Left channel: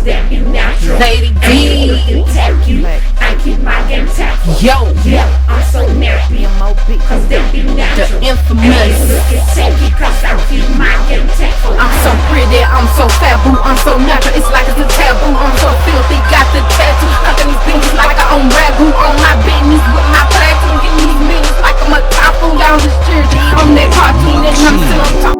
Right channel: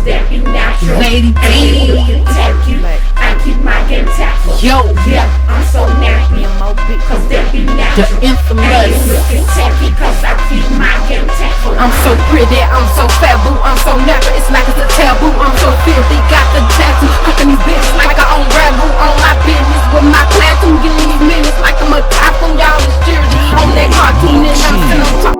cause that be natural. Lady I ain't D. looking tacky. I keep my game tactful. Yo, Yeah, I'm so nappy. M.O.B. Cause that be The natural. I infamous. ain't looking tacky cause I keep my game tactful. I'm so pretty, I'm so fat, boo. I'm so natural, it's like it's a taboo. I'm so filthy, got the tattoo stuck in these bitches like I own ragu. On my business with my platoon, getting these minutes like I'm a typhoon. Y'all is jersey on that cartoon and I'm still on top.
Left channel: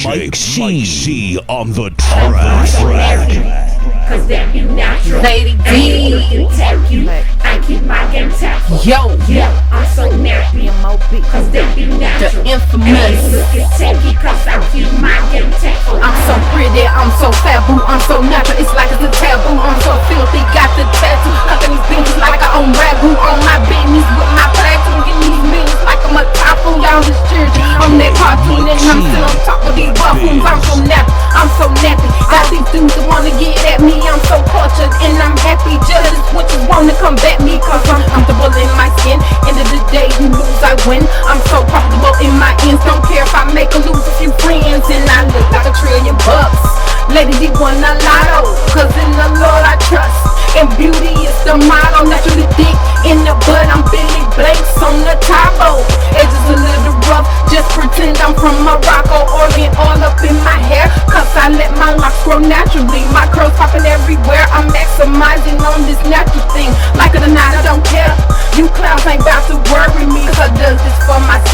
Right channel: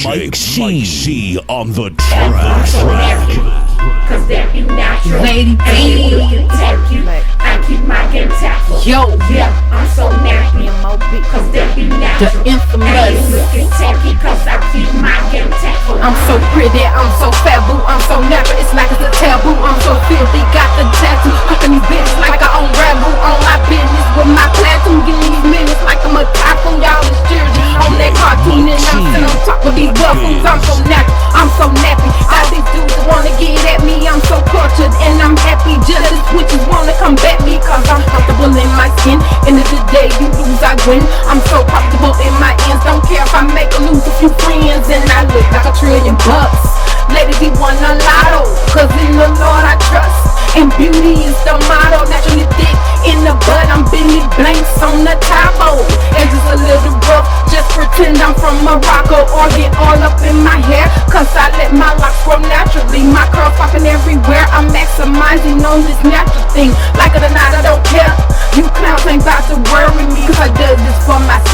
Mike C on the track. Cause that be natural. Lady D. Ain't looking tacky. I keep my game tactful. Yo, Yeah, I'm so nappy. Cause that be natural. the infamous. Ain't looking tacky. Cause I keep my game tactful. I'm so pretty, I'm so fat, boo, I'm so natural, it's like it's a taboo. I'm so filthy, got the tattoo, fucking these bitches like I own ragu. On my business with my platoon, getting these minutes like I'm a typhoon. Y'all is cheering on that cartoon, and I'm sitting on top of these buffoons. I'm so nappy, I'm so nappy. All these dudes that wanna get at me, I'm so cultured and I'm happy. Jealous witches wanna come back me, cause I'm comfortable in my skin. End of the day, you lose, I win. I'm so comfortable in my ends, don't care if I make or lose a few friends. And I look like $1 trillion. Lady, he won a lotto, cause in the Lord I trust. And beauty is the motto. Naturally thick in the butt, I'm Billy Blanks on the Tabo. Edges a little rough, just pretend I'm from Morocco. Organ all up in my hair, cause I let my locks grow naturally. My curls popping everywhere, I'm maximizing on this natural thing. Like it or not, I don't care. You clowns ain't about to worry me, cause I does this for myself.